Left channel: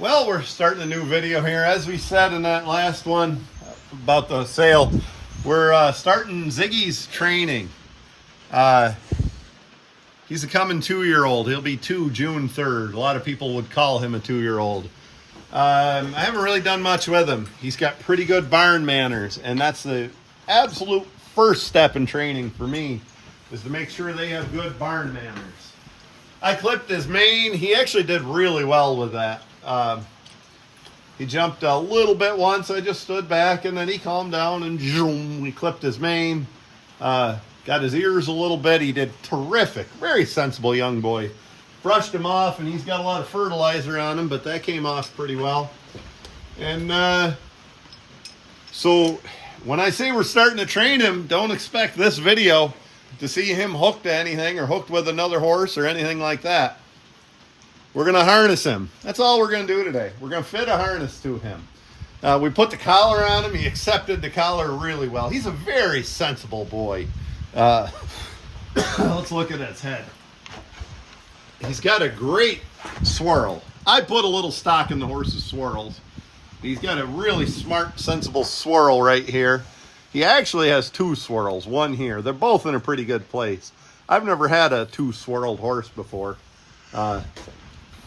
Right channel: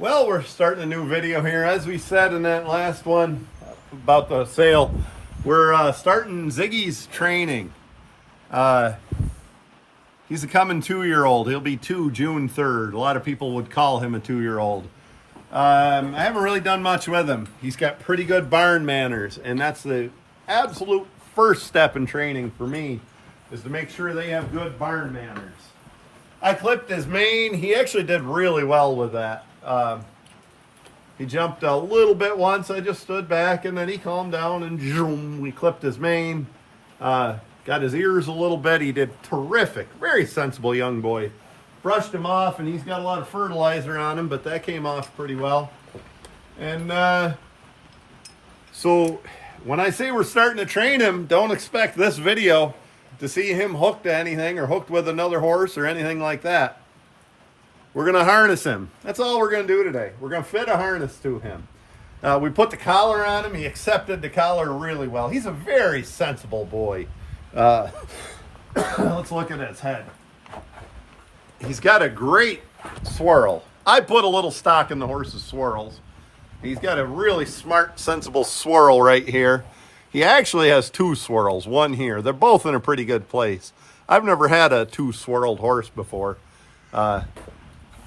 Well, we're starting a new video here. As we said in that last one about the sale, we're starting Ziggy's training. He's a coming 2-year-old. He'll be 2 June 3rd. A lot of people would call him a 2-year-old. I haven't really done much with him. He's got pretty good barn manners, and that's the absolute first step in training for me, is to make sure they have good barn manners. I clipped his mane. He actually did really well with that. He jumped a little bit once. I just stood back, and then he calmed down, and zoom, we clipped his mane. Got his ears a little bit. He did terrific. Very sensible young boy. Brushed him off, and he's got a lot of fertilizer on him, but that came off pretty well. And so when I say we're starting to train him, don't expect this video to see him hooked to anything or hooked with another horse or anything like that. We're going to harness him. That's all we're going to do today. We're going to fit a harness to him. We put the collar on him. He accepted the collar really well. He's a very sensible boy. Let's look at his head. He's got a great swirl. I put a little stock in the horse's swirls. He's got a really smart, sensible swirl right here. He actually has 2 swirls, one here. They're both in a pretty good place. I've never had a 2-swirled horse before.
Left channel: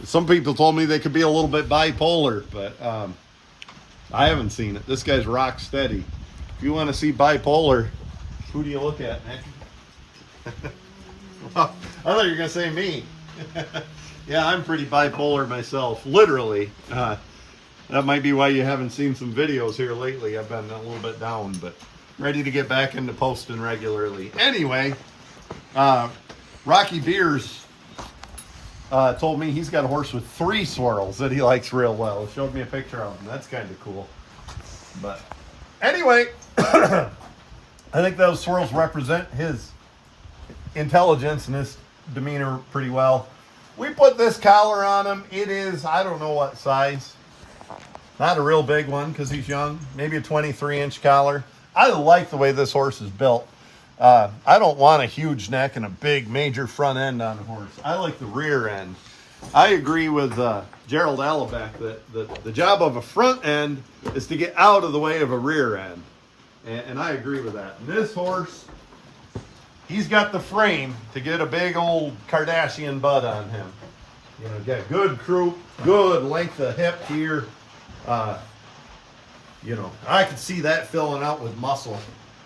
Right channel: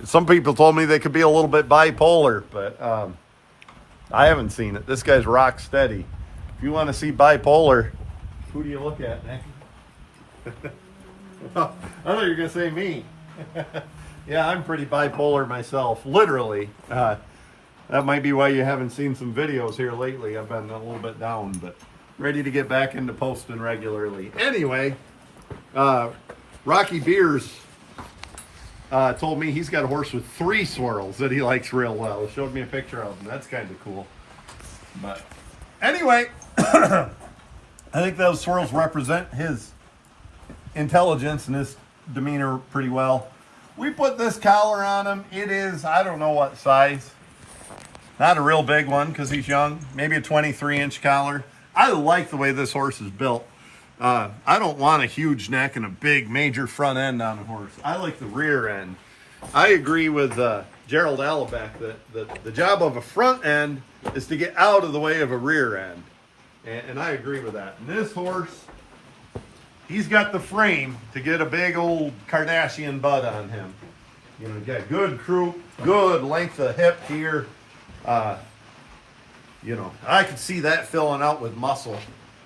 Some people told me they could be a little bit bipolar, but I haven't seen it. This guy's rock steady. If you want to see bipolar, who do you look at, Nick? Well, I thought you were going to say me. Yeah, I'm pretty bipolar myself, literally. That might be why you haven't seen some videos here lately. I've been a little bit down, but ready to get back into posting regularly. Anyway, Rocky Beers told me he's got a horse with 3 swirls that he likes real well. He showed me a picture of them. That's kind of cool. But anyway, I think those swirls represent his intelligence and his demeanor pretty well. We put this collar on him. It is, I don't know what size. Not a real big one because he's young. Maybe a 23-inch collar. I like the way this horse is built. I don't want a huge neck and a big major front end on a horse. I like the rear end. I agree with Gerald Allebeck that the job of a front end is to get out of the way of a rear end. And I agree with that. And this horse, he's got the frame to get a big old Kardashian butt on him. You know, got good croup, good length of hip here. You know, I could see that filling out with muscle.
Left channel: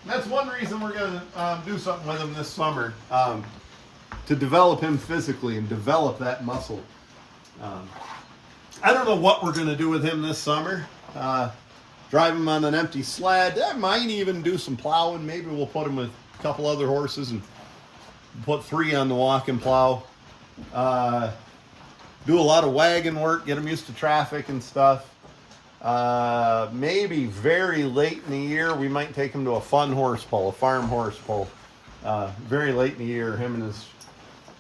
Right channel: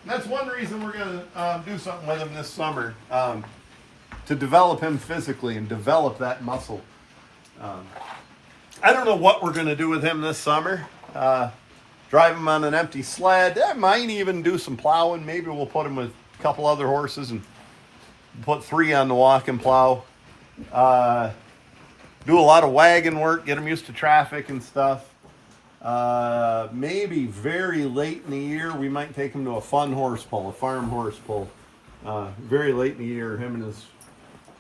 And that's one reason we're going to do something with him this summer, to develop him physically and develop that muscle. I don't know what we're going to do with him this summer. Drive him on an empty sled. I might even do some plowing. Maybe we'll put him with a couple other horses and put 3 on the walk and plow. Do a lot of wagon work, get him used to traffic and stuff. Maybe very late in the year, we might take him to a fun horse pull, a farm horse pull. Very late in the year, him and his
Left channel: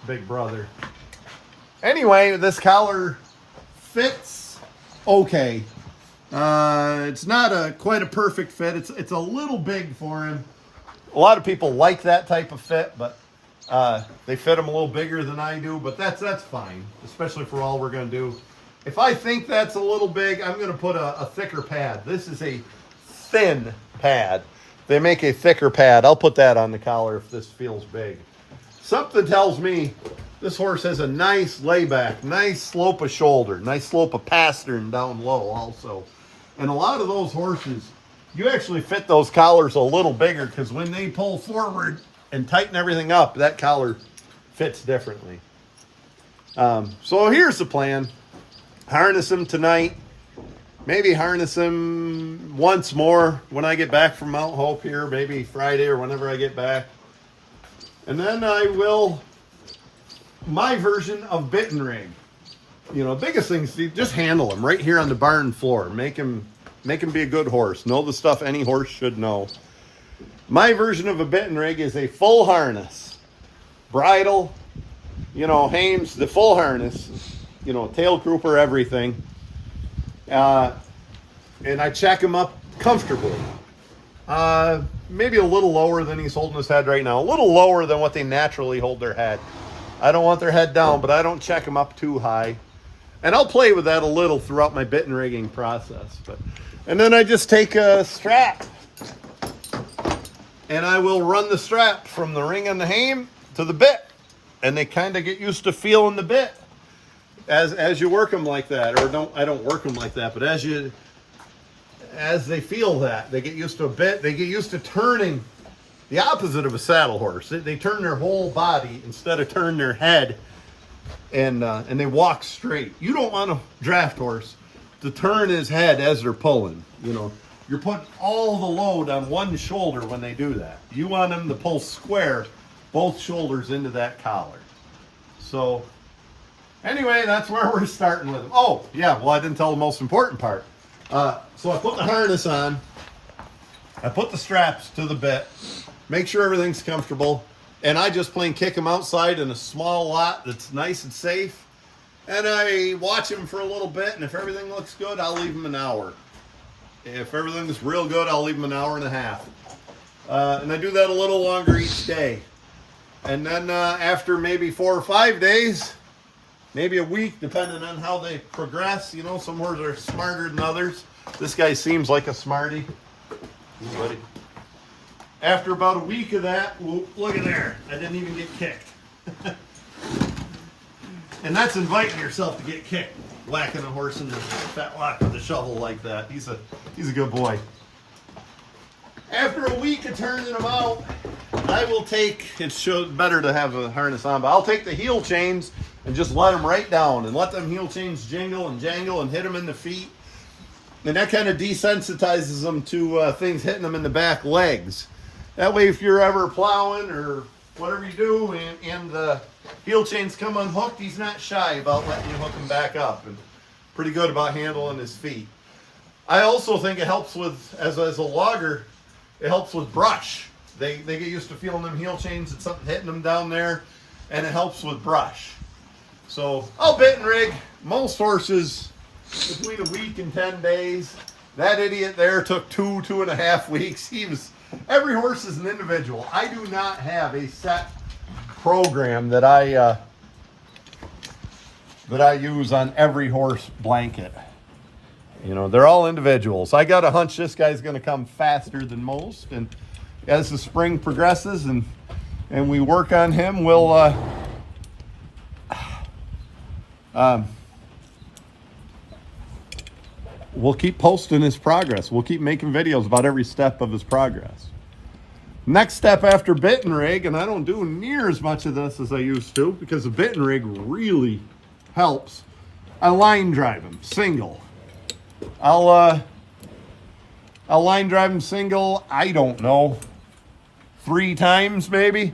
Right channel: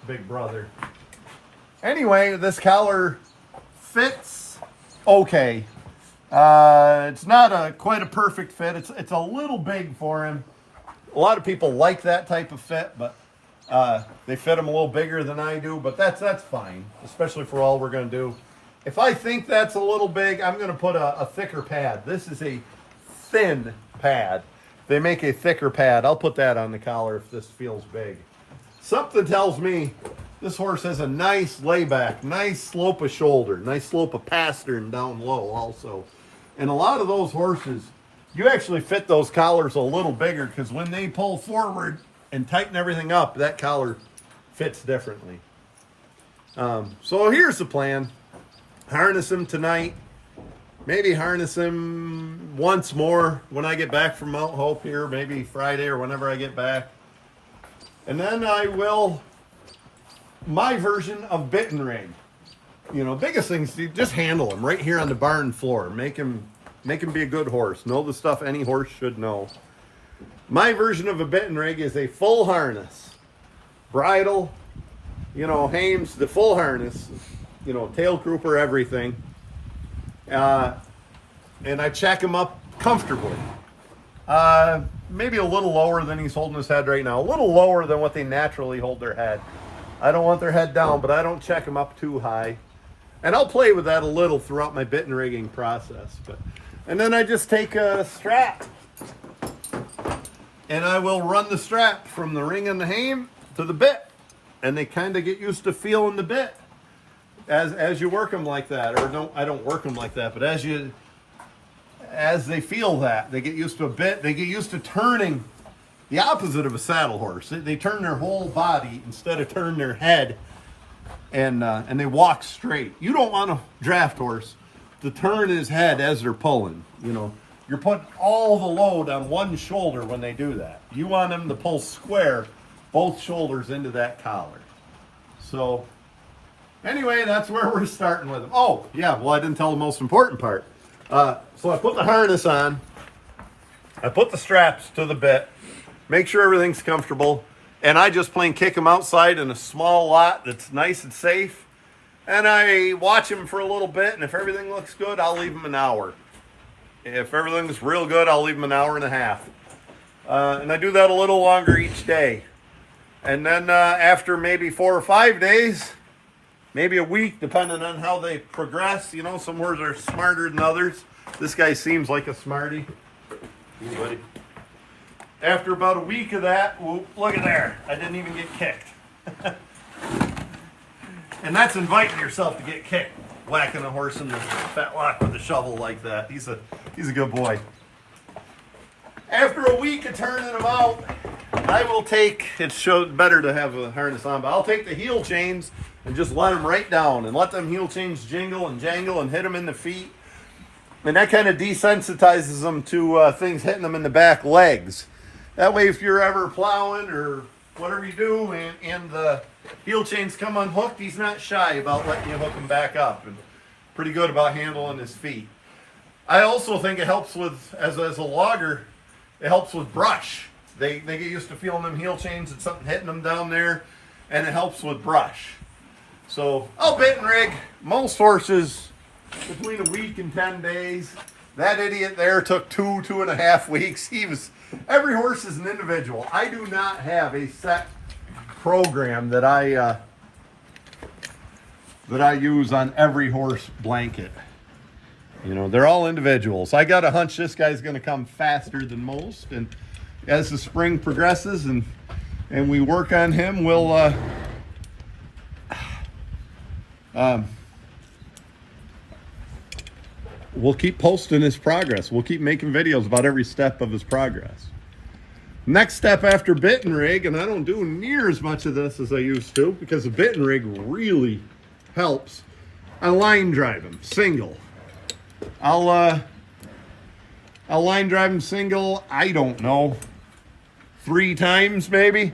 big brother. Anyway, this collar fits okay. It's not quite a perfect fit. It's a little big for him. A lot of people like that type of fit, but they fit him a little bigger than I do, but that's fine, especially for all we're going to do. If I think that's a little big, I'm going to put a thicker pad. This is a thin pad. They make a thicker pad. I'll put that on the collar if this feels big. Something tells me this horse has a nice layback, nice slope of shoulder, nice slope of pastern down low also. And a lot of those horses, you actually fit those collars a little bigger because when they pull forward and tighten everything up, that collar fits differently. So here's the plan. Harness him tonight. Maybe harness him once more when I get back from Mount Hope here, maybe Friday or whenever I get back. And then I will, my version of bit and rig. You know, biggest thing is to just handle him right here on the barn floor. Make him be a good horse. Know the stuff any horse should know. My version of a bit and rig is a full harness. Bridle, you know, hames, the full harness. You know, tail grouper, everything. And I check him up comfortably. Maybe a little lower than he's holding his head right now. A little lower than what they naturally hold their head. I don't want their head down, but I don't check them up too high. And I'll play with that a little throughout my bit and rigging process. And then I just take a strap and I will run the strap from the ring on the hame to the bit. And they kind of get used to feeling the bit as you work them like that. Or I don't work them like that, but as they feel that, they get used to a bit. They get used to turning the opposite of a saddle horse. They turn their whole body instead of turn their head, and they walk straight. You don't want a draft horse to turn his head as they're pulling. You know, you're putting all the load on one shoulder when they do that. You want them to pull square, both shoulders into that collar. So anyway, that's where we're starting with them. Oh, yeah, well, I didn't tell the most important part. So I put the harness on. I put the straps to the bit. Make sure everything's comfortable. And I just plain kick them outside in a small lot that's nice and safe. And I watch them for a little bit. And if everything looks good, I'll leave them an hour. If everything's real good, I'll leave them an hour and a half. And I do that a little longer each day. And then after maybe 4 or 5 days, maybe a week, depending on how they progress. You know, some horses are smarter than others. This guy seems like a smarty. Ooh, buddy. After about a week of that, whoop, look at there. I didn't even get kicked. And that's inviting yourself to get kicked, whacking a horse in the fetlock with a shovel like that. He's a good boy. After a week of turning him out, I will take, it's better to have a harness on, but I'll take the heel chains and just let them right down and let them heel chains jingle and jangle and hit them in the feet. And that kind of desensitizes them to things hitting them in the back legs. That way, if you're ever plowing or whatever you do and the heel chains come unhooked, he's not shy about letting you hook him back up, and pretty good about handling his feet. I also think it helps with, as a logger, it helps with brush. They get used to feeling them heel chains and something hitting them down there, and it helps with brush. So I'll bit and rig most horses between a week and 10 days. That idiot there took 2.5 weeks. Every horse is an individual. I do not have a set program that I use on every horse blanket. You know, they're all individuals. I got a hunch this guy's going to come faster than most, and as the spring progresses and we work on him, we'll keep posting his progress. We'll keep making videos about every step of his progress. Next step after bit and rig, and I don't do near as much of this as I used to because the bit and rig really helps. I line drive him single. I'll line drive him single, I don't know, 3 times maybe.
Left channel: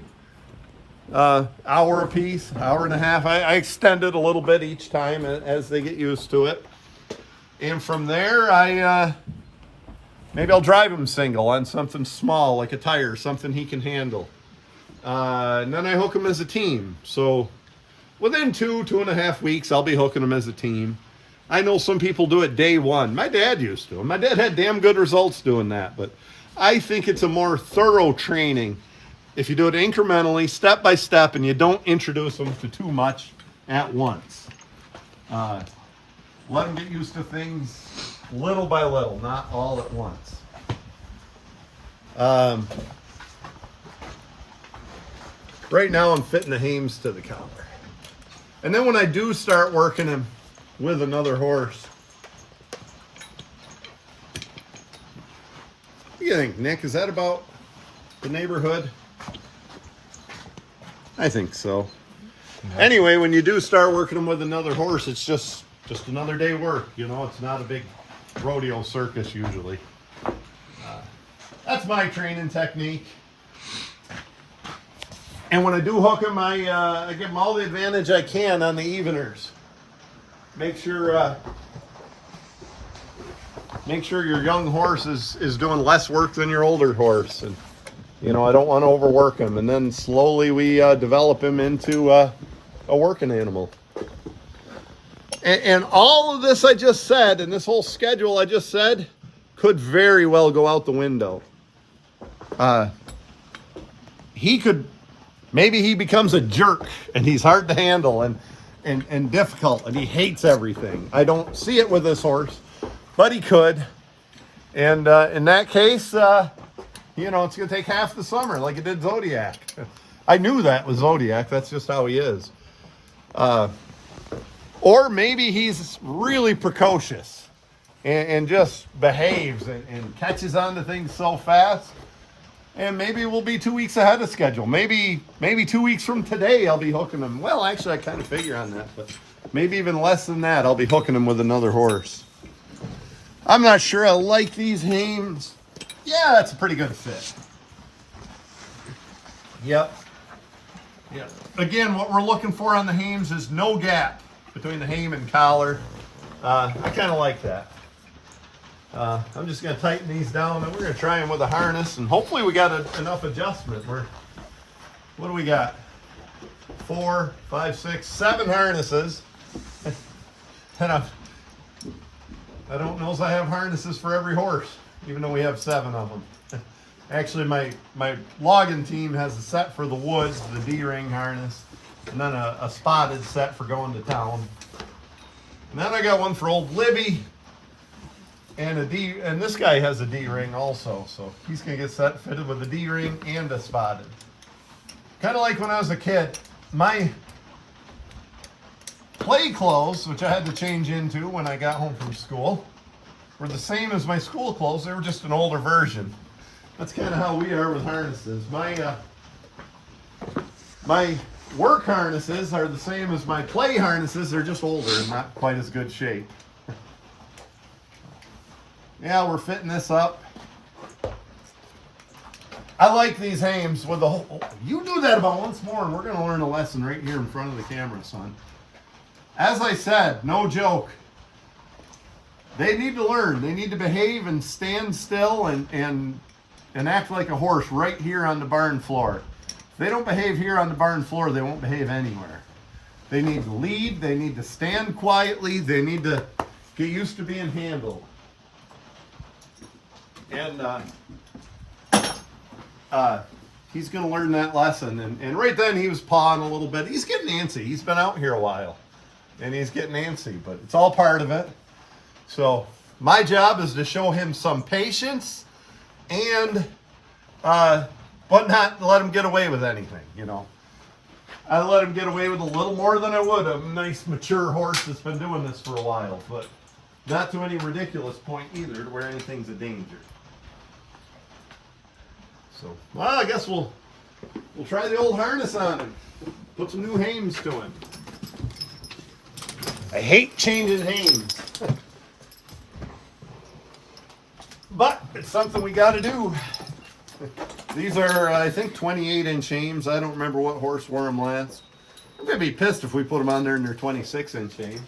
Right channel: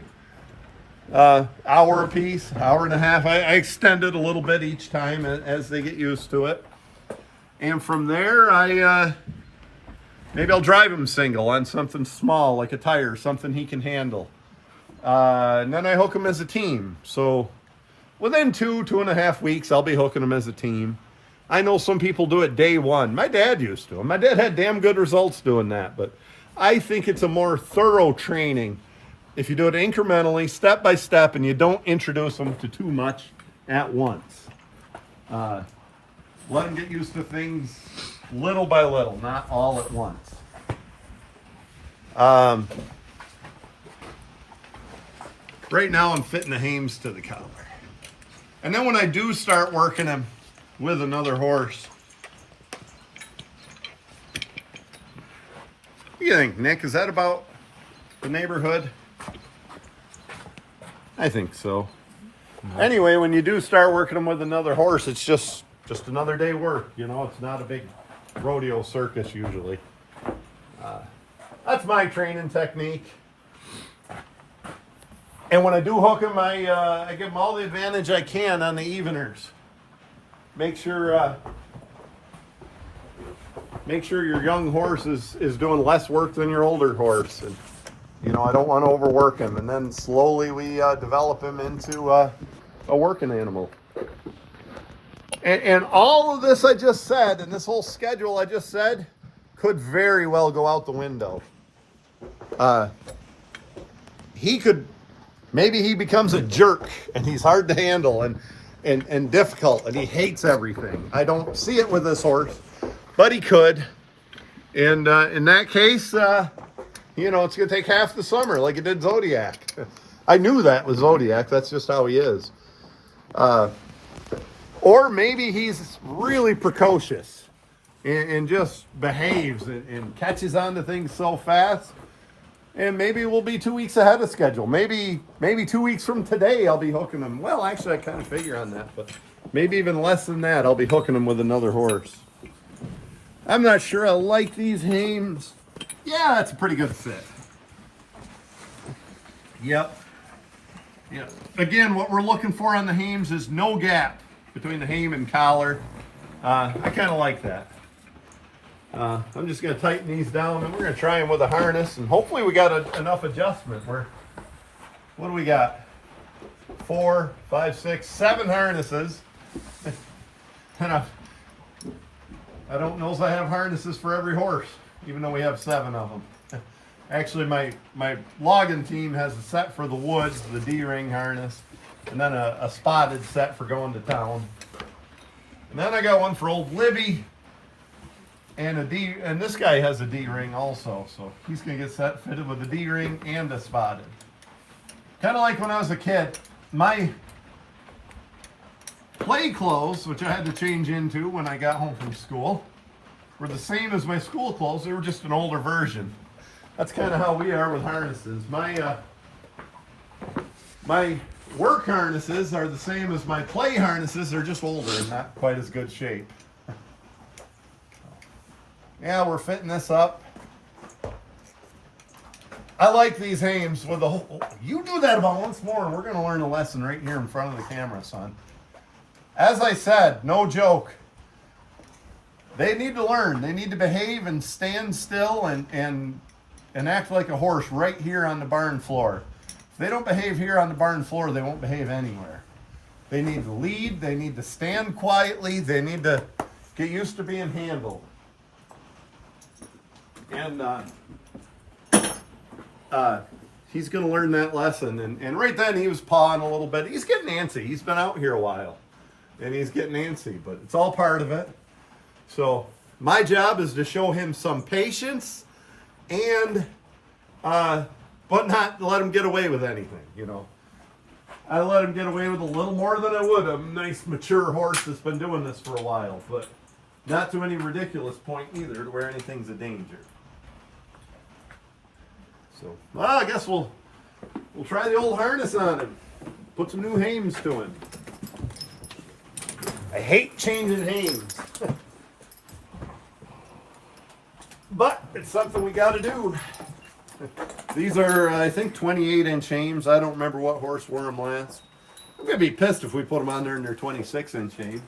Hour a piece, hour and a half. I extend it a little bit each time as they get used to it. And from there, maybe I'll drive him single on something small, like a tire, something he can handle. And then I hook him as a team. So within 2.5 weeks, I'll be hooking him as a team. I know some people do it day one. My dad used to. My dad had damn good results doing that. But I think it's a more thorough training if you do it incrementally, step by step, and you don't introduce them to too much at once. Let them get used to things little by little, not all at once. Right now I'm fitting the hames to the collar. And then when I do start working him with another horse, what do you think, Nick? Is that about the neighborhood? I think so. Yeah. Anyway, when you do start working them with another horse, it's just another day work. You know, it's not a big rodeo circus usually. That's my training technique. And when I do hook them, I give them all the advantage I can on the eveners. Make sure your young horse is doing less work than your older horse. And, you know, I don't want to overwork him. And then slowly we develop him into a working animal. And all of this I just said, and this whole schedule I just said, could very well go out the window. Maybe he becomes a jerk, and he's hard to handle, and and difficult, and he hates everything. I don't see it with this horse, but he could. And in that case, you know, it's going to take half the summer like it did Zodiac. I knew that was Zodiac. That's just how he is. Or maybe he's really precocious and just behaves and catches on to things so fast. And maybe we'll be 2 weeks ahead of schedule. Maybe 2 weeks from today, I'll be hooking him. Well, actually, I kind of figure on that, but maybe even less than that, I'll be hooking him with another horse. I'm not sure I like these hames. Yeah, that's a pretty good fit. Yep. Yep. Again, what we're looking for on the hames is no gap between the hame and collar. I kind of like that. I'm just going to tighten these down, and we're going to try them with a harness, and hopefully we got enough adjustment. What do we got? 4, 5, 6, 7 harnesses. And I don't know if I have harnesses for every horse, even though we have 7 of them. Actually, my logging team has a set for the woods, the D-ring harness, and then a spotted set for going to town. And then I got one for old Libby, and this guy has a D-ring also, so he's gonna get set fitted with a D-ring and a spotted. Kind of like when I was a kid, my play clothes, which I had to change into when I got home from school, were the same as my school clothes. They were just an older version. That's kind of how we are with harnesses. My work harnesses are the same as my play harnesses. They're just older and not quite as good shape. Yeah, we're fitting this up. I like these hames with the whole... You do that about once more, and we're going to learn a lesson right here in front of the camera, son. As I said, no joke. They need to learn. They need to behave and stand still and act like a horse right here on the barn floor. If they don't behave here on the barn floor, they won't behave anywhere. They need to lead. They need to stand quietly. They need to get used to being handled. And he's going to learn that lesson. And right then he was pawing a little bit. He's getting antsy. He's been out here a while. And he's getting antsy, but it's all part of it. So my job is to show him some patience and but not let him get away with anything, you know. I let him get away with a little more than I would a nice mature horse that's been doing this for a while, but not to any ridiculous point either to where anything's a danger. So, well, I guess we'll try the old harness on him. Put some new hames to him. I hate changing hames. But it's something we got to do. These are, I think, 28-inch hames. I don't remember what horse wore them last. I'm going to be pissed if we put them on there and they're 26-inch hames.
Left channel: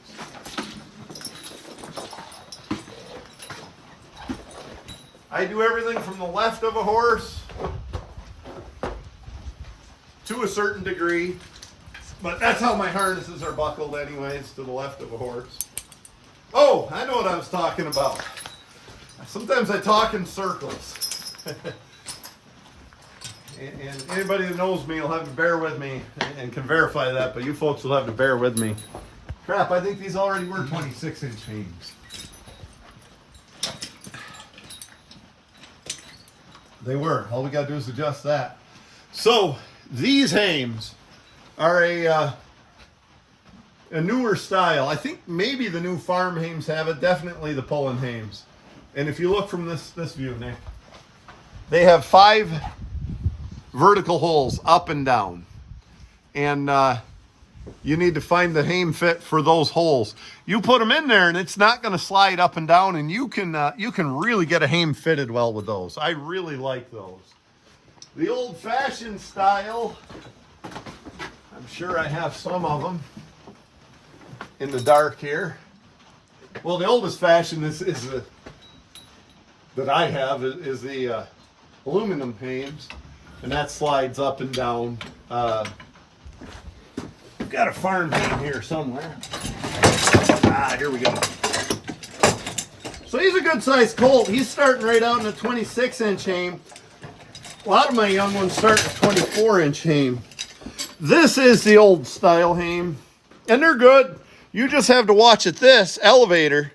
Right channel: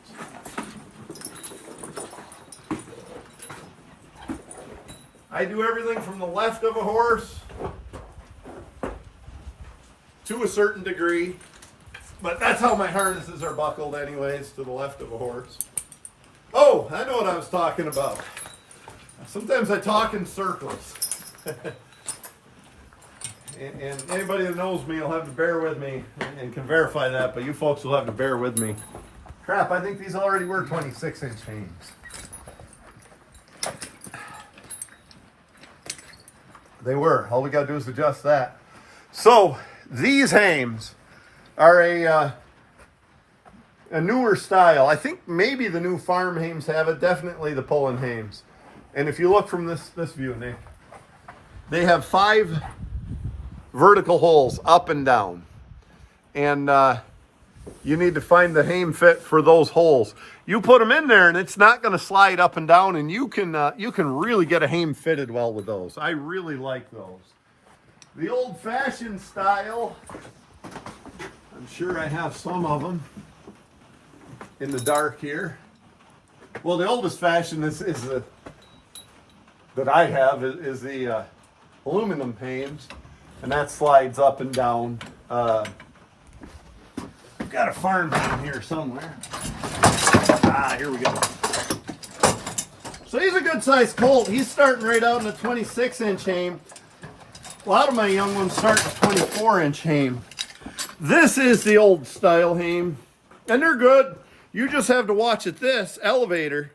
I do everything from the left of a horse to a certain degree. But that's how my harnesses are buckled anyways, to the left of a horse. Oh, I know what I was talking about. Sometimes I talk in circles. And anybody that knows me will have to bear with me and can verify that, but you folks will have to bear with me. Crap, I think these already were 26-inch hames. They were. All we got to do is adjust that. So, these hames are a newer style. I think maybe the new farm hames have it. Definitely the Pullen hames. And if you look from this view, they have 5 vertical holes up and down. And you need to find the hame fit for those holes. You put them in there and it's not going to slide up and down, and you can really get a hame fitted well with those. I really like those. The old-fashioned style, I'm sure I have some of them in the dark here. Well, the oldest fashioned that I have is the aluminum hames, and that slides up and down. I've got a farm hame here somewhere. Here we go. So he's a good sized colt. He's starting right out in a 26-inch hame. A lot of my young ones start with 24-inch hame. This is the old style hame. And they're good. You just have to watch it. This elevator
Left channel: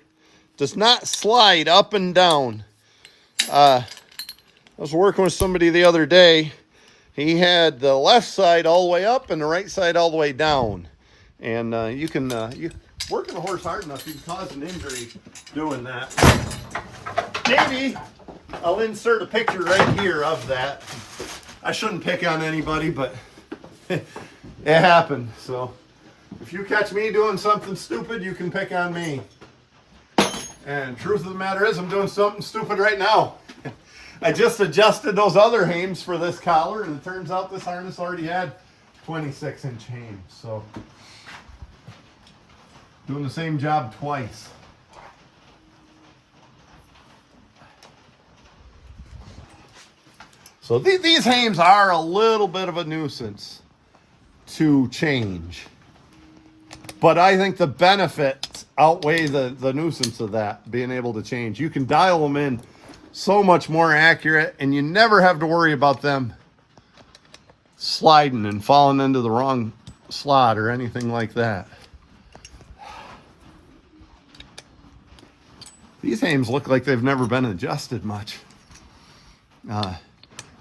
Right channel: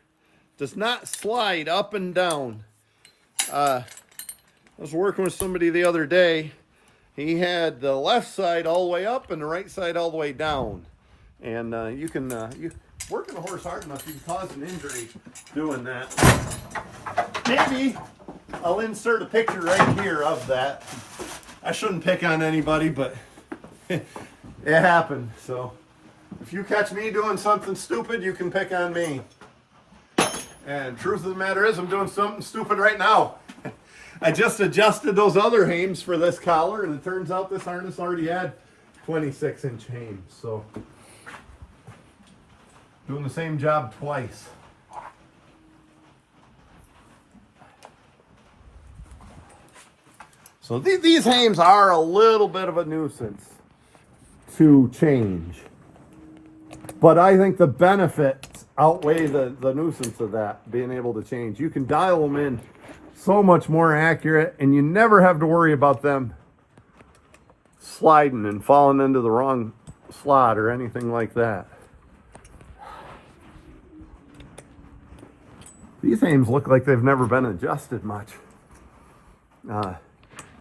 does not slide up and down. I was working with somebody the other day. He had the left side all the way up and the right side all the way down. And you working the horse hard enough, you can cause an injury doing that. Maybe I'll insert a picture right here of that. I shouldn't pick on anybody, but it happened. So if you catch me doing something stupid, you can pick on me. And truth of the matter is, I'm doing something stupid right now. I just adjusted those other hames for this collar, and it turns out this harness already had 26-inch hames. So doing the same job twice. So these hames are a little bit of a nuisance to change. But I think the benefits outweigh the nuisance of that, being able to change. You can dial them in so much more accurate, and you never have to worry about them sliding and falling into the wrong slot or anything like that. These hames look like they've never been adjusted much.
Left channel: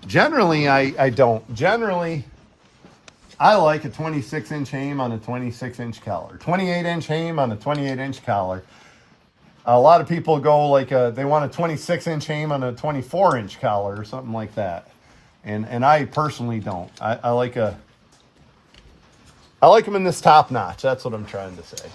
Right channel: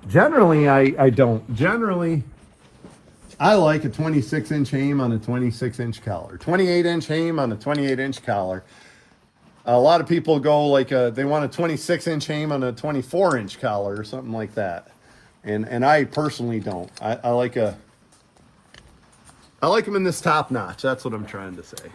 Generally, I don't. Generally, I like a 26-inch hame on a 26-inch collar. 28-inch hame on a 28-inch collar. A lot of people go like they want a 26-inch hame on a 24-inch collar or something like that. And I personally don't. I like them in this top notch. That's what I'm trying to say.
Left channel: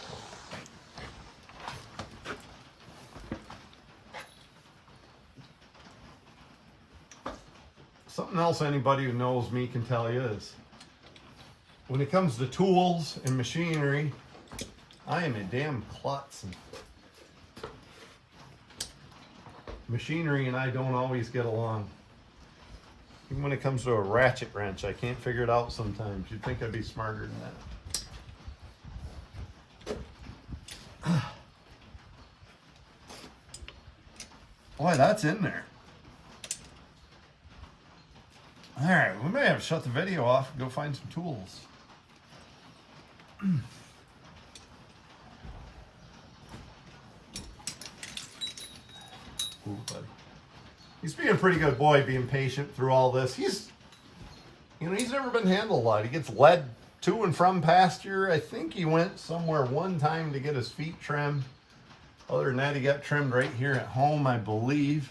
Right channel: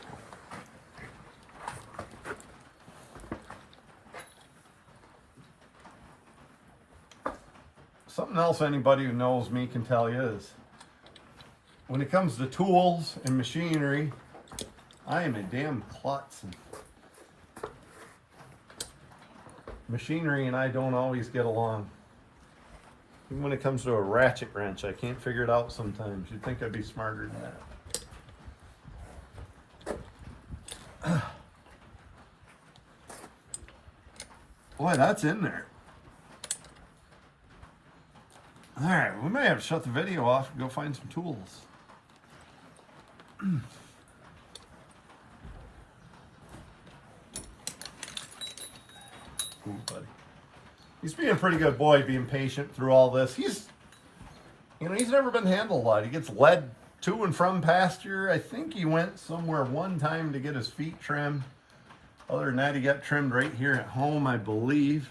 Something else anybody who knows me can tell you is, when it comes to tools and machinery, I am a damn klutz. Machinery and I don't always get along. Even when it comes to a ratchet wrench, I can't figure it out sometimes. You'd think I'd be smarter than that. Boy, that's in there. All right, we may have to shut the video off and go find some tools. Ooh, bud. He's being a pretty good boy, being patient through all this. He's never been handled a lot. He gets led to and from pasture. I think he went somewhere one time to get his feet trimmed. Other than that, he got trimmed right here at home, I believe.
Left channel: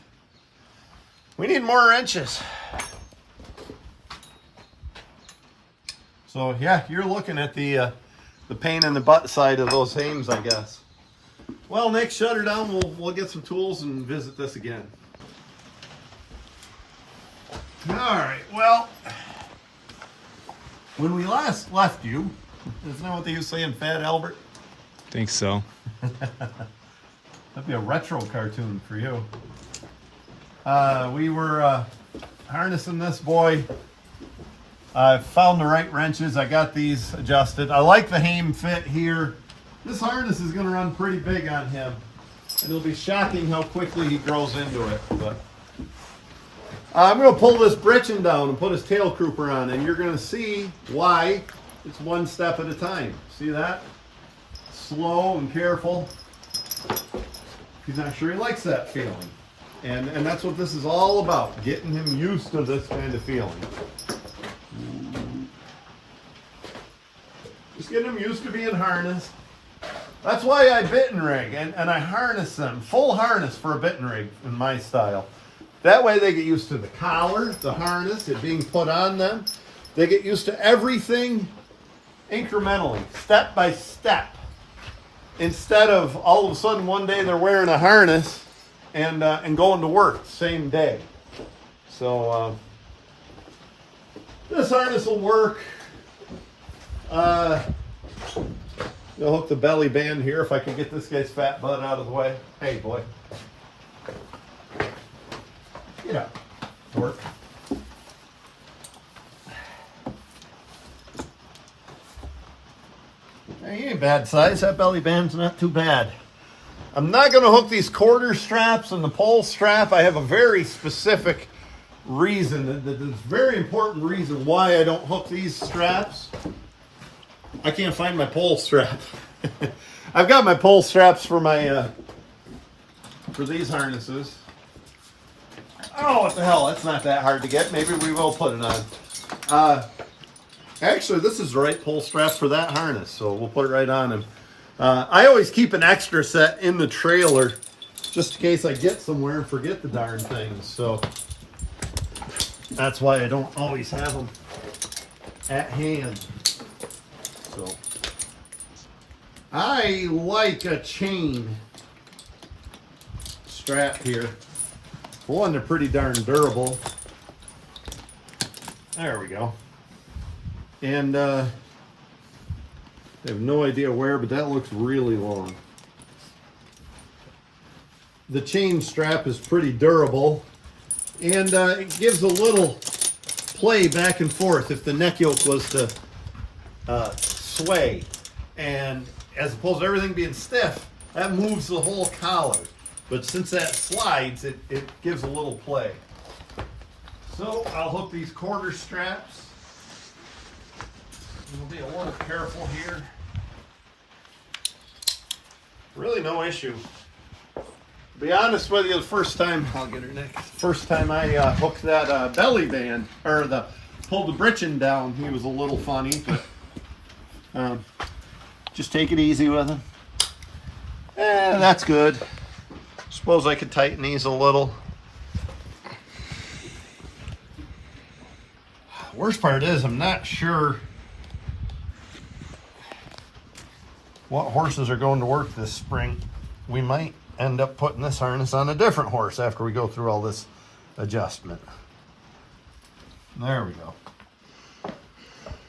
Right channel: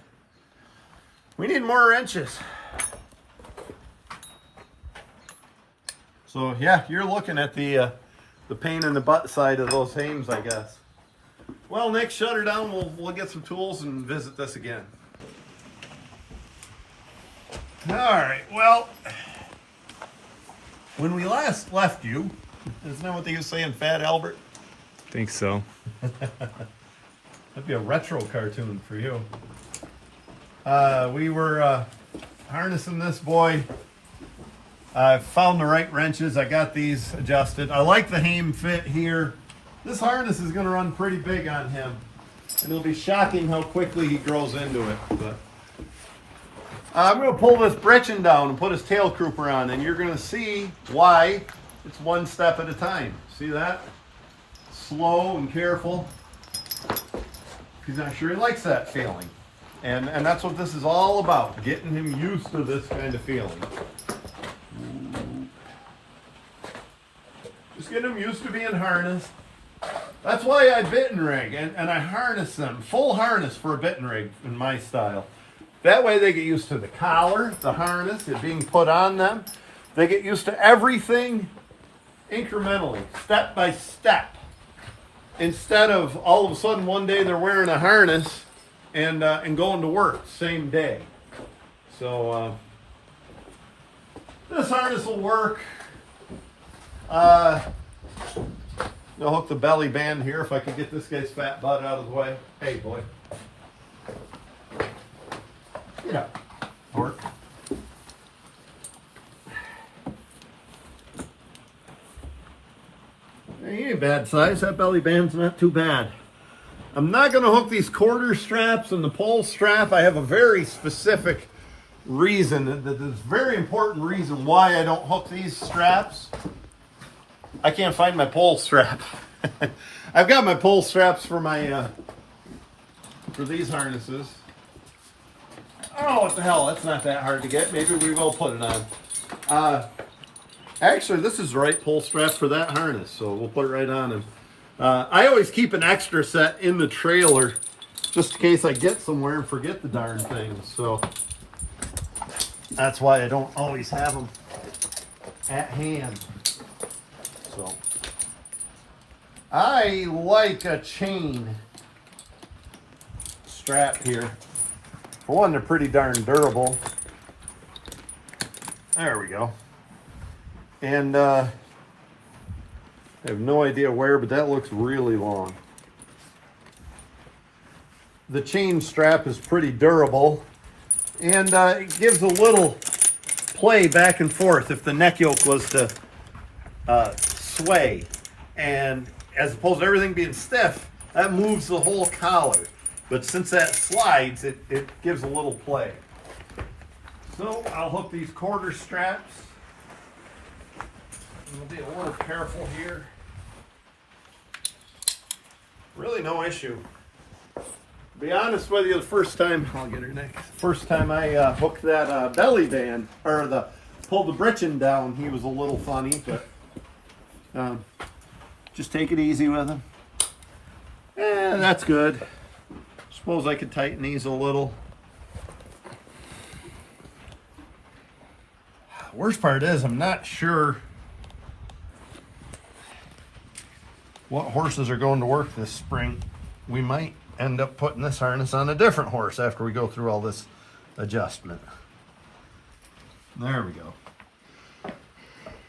We need more wrenches. So yeah, you're looking at the pain in the butt side of those hames, I guess. Well, next shut her down, we'll get some tools and visit this again. All right, well, when we last left you, isn't that what they used to say in Fat Albert? Think so. That'd be a retro cartoon for you. We were harnessing this boy. I found the right wrenches. I got these adjusted. I like the hame fit here. This harness is going to run pretty big on him. And it'll be shocking how quickly he grows into it. But I'm going to pull this britchin down and put his tail crooper on. And you're going to see why it's one step at a time. See that? Slow and careful. He's not sure he likes that feeling. And that's what this is all about. Getting him used to this kind of feeling. Just get them used to being harnessed. That's why I bit and rig, and I harness them. Full harness for a bit and rig in my style. That way they get used to the collar, the harness, it being put on them. They get used to everything incrementally, step by step. Instead of all of a sudden one day they're wearing a harness and going to work same day. So this harness will work. You'll hook the belly band here if I can get this guy's fat butt out of the way. Hey, boy. Get up. Work. Hey, he ain't bad size. That belly band's not too bad. I'm not going to hook these quarter straps and the pole strap. I have a very specific reason, this very important reason why I don't hook these straps. I can't find my pole strap. I've got my pole straps for my for these harnesses. Oh, what the hell? That's not that hard to get. Maybe we will put it on. Actually, this is the right pole strap for that harness, so we'll put it right on. And I always keep an extra set in the trailer just in case I get somewhere and forget the darn things. So that's why I don't always have them at hand. So I like a chain strap here. For one, they're pretty darn durable. There we go. And I have no idea where, but that looks really long. The chain strap is pretty durable, and it gives a little play back and forth if the neck yoke was to sway. And as opposed to everything being stiff, that moves the whole collar. But since that slides, it gives a little play. So I'll hook these quarter straps. We'll be a little careful here. Really no issue. To be honest with you, the first time, I'll get her next. First time I hooked that belly band, or pulled the britchin down, he was a little funny, but just take it easy with him. That's good. Suppose I could tighten these a little. Worst part is I'm not sure what horses are going to work this spring. We might end up putting this harness on a different horse after we go through all this adjustment. There we go.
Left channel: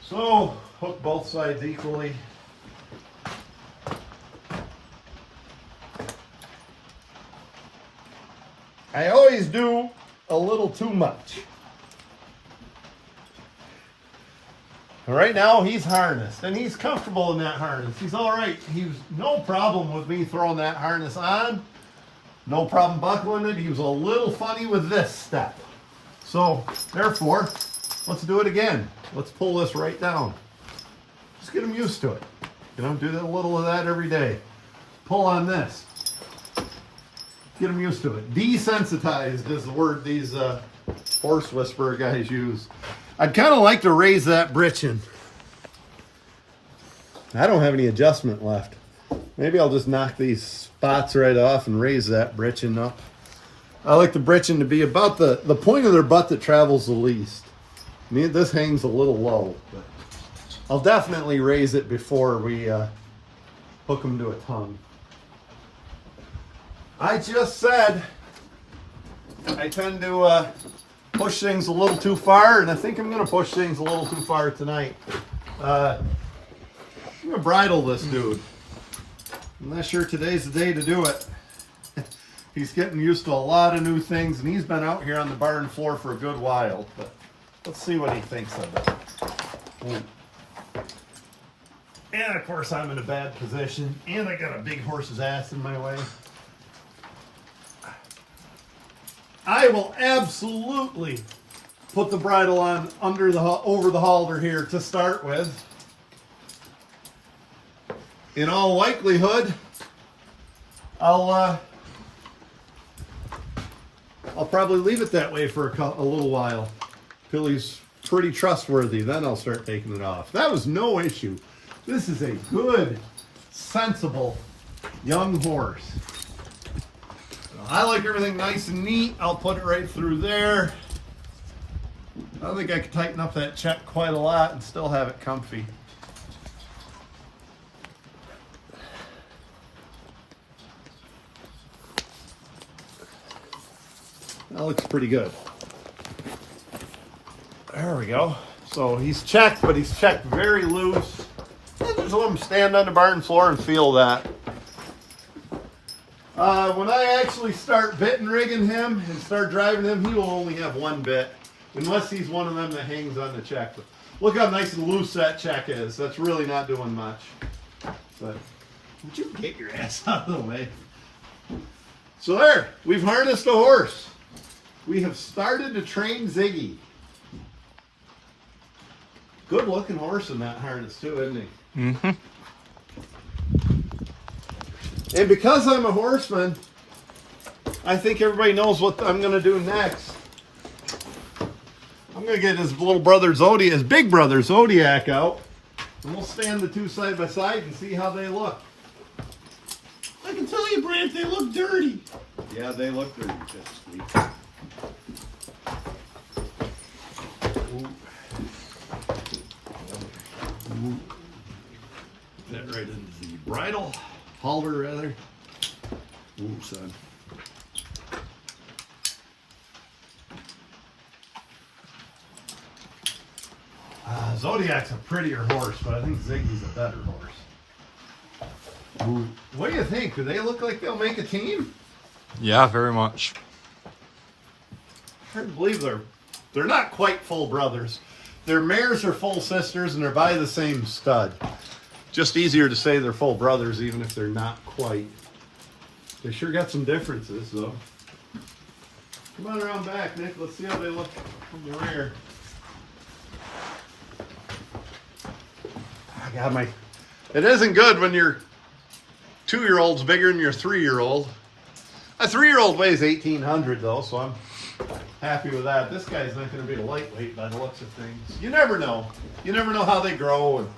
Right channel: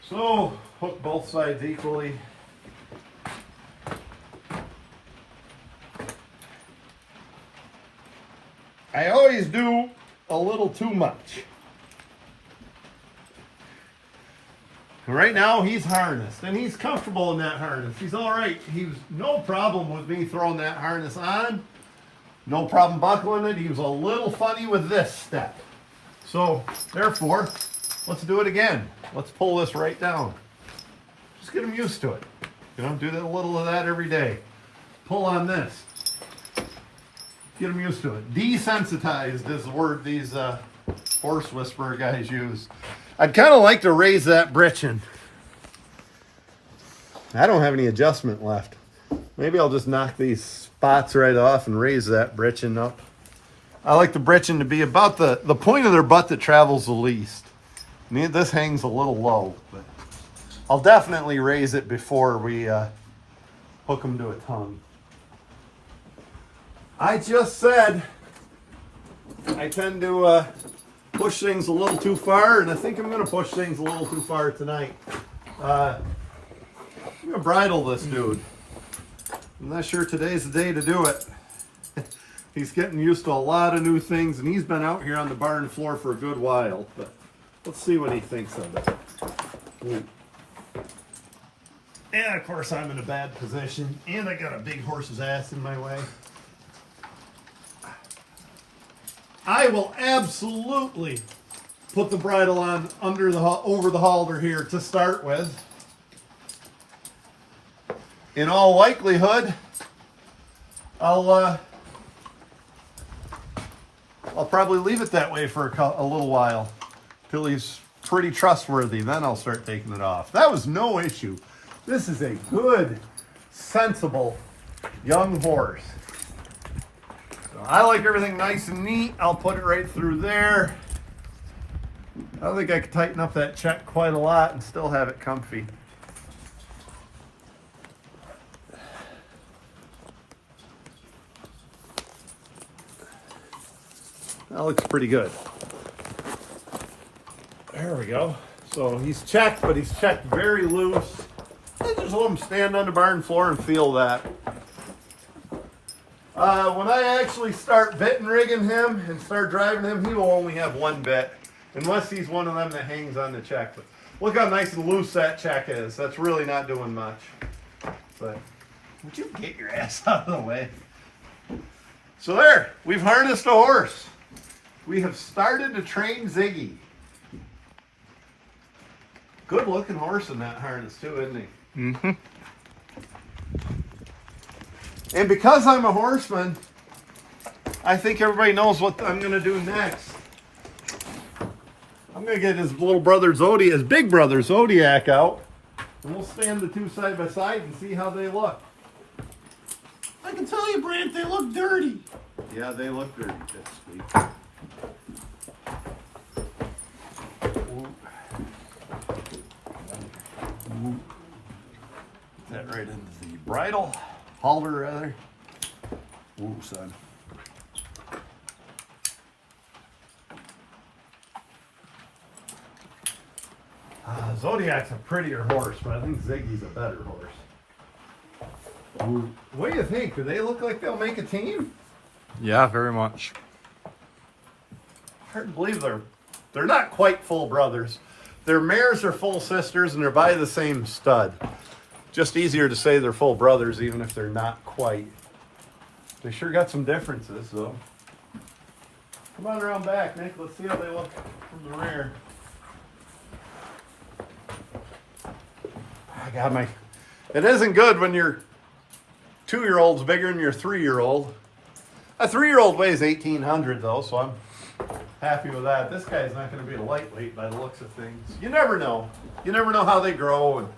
So hook both sides equally. I always do a little too much. And right now he's harnessed and he's comfortable in that harness. He's all right. He's no problem with me throwing that harness on. No problem buckling it. He was a little funny with this step. So therefore, let's do it again. Let's pull this right down. Just get him used to it. You know, do a little of that every day. Pull on this. Get him used to it. Desensitized is the word these horse whisperer guys use. I'd kind of like to raise that britchin. I don't have any adjustment left. Maybe I'll just knock these spots right off and raise that britchin up. I like the britchin to be about the point of their butt that travels the least. This hangs a little low, but I'll definitely raise it before we hook them to a tongue. I just said I tend to push things a little too far, and I think I'm going to push things a little too far tonight. I'm going to bridle this dude. I'm not sure today's the day to do it. He's getting used to a lot of new things, and he's been out here on the barn floor for a good while, but let's see what he thinks of it. And of course I'm in a bad position, and I got a big horse's ass in my way. I will absolutely put the bridle on over the halter here to start with. In all likelihood, I'll probably leave it that way for a little while till he's pretty trustworthy. Then I'll start taking it off. That was no issue. This is a good, sensible young horse. I like everything nice and neat. I'll put it right through there. I think I could tighten up that check quite a lot and still have it comfy. That looks pretty good. There we go. So he's checked, but he's checked very loose. I just let him stand on the barn floor and feel that. When I actually start bit and rigging him and start driving him, he will only have one bit, unless he's one of them that hangs on the check. But look how nice and loose that check is. That's really not doing much. But would you get your ass out of the way? So there, we've harnessed a horse. We have started to train Ziggy. Good looking horse in that harness too, isn't he? Mm-hmm. And because I'm a horseman, I think everybody knows what I'm going to do next. I'm going to get his little brother Zodiac, his big brother Zodiac out, and we'll stand the two side by side and see how they look. I can tell you, Brant, they look dirty. Yeah, they look dirty, Sweet. That right into the bridle, halter rather. Ooh, son. Zodiac's a prettier horse, but I think Ziggy's a better horse. Ooh. What do you think? Do they look like they'll make a team? Yeah, very much. Hard to believe they're not quite full brothers. Their mares are full sisters and they're by the same stud. Just easier to say they're full brothers even if they're not quite. They sure got some differences though. Come on around back, Nick. Let's see how they look from the rear. I got my... It isn't good when your 2-year-old's bigger than your 3-year-old. A 3-year-old weighs 1,800 though, so I'm happy with that. This guy's not going to be a lightweight by the looks of things. You never know. You never know how they grow, and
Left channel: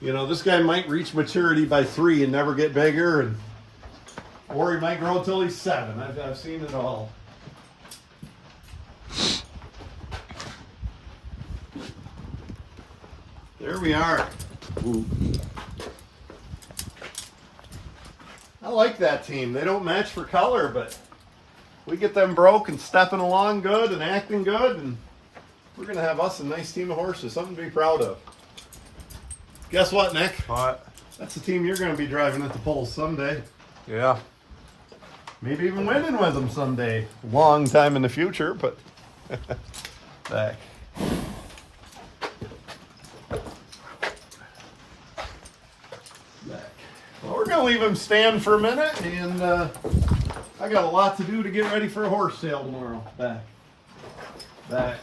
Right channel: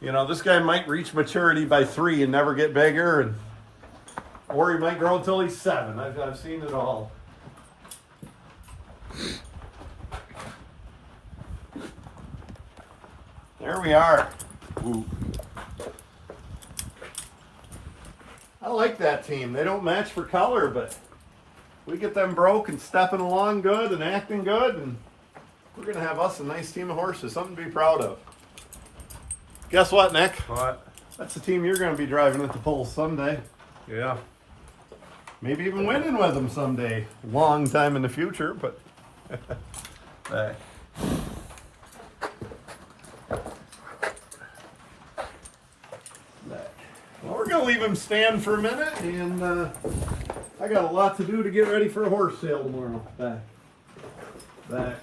you know this guy might reach maturity by 3 and never get bigger, and or he might grow until he's 7. I've seen it all. There we are. Ooh. I like that team. They don't match for color, but we get them broke and stepping along good and acting good, and we're going to have us a nice team of horses. Something to be proud of. Guess what, Nick? What? That's the team you're going to be driving at the polls someday. Yeah. Maybe even winning with them someday. Long time in the future, but back. Well, we're going to leave him stand for a minute, and I got a lot to do to get ready for a horse sale tomorrow. Back.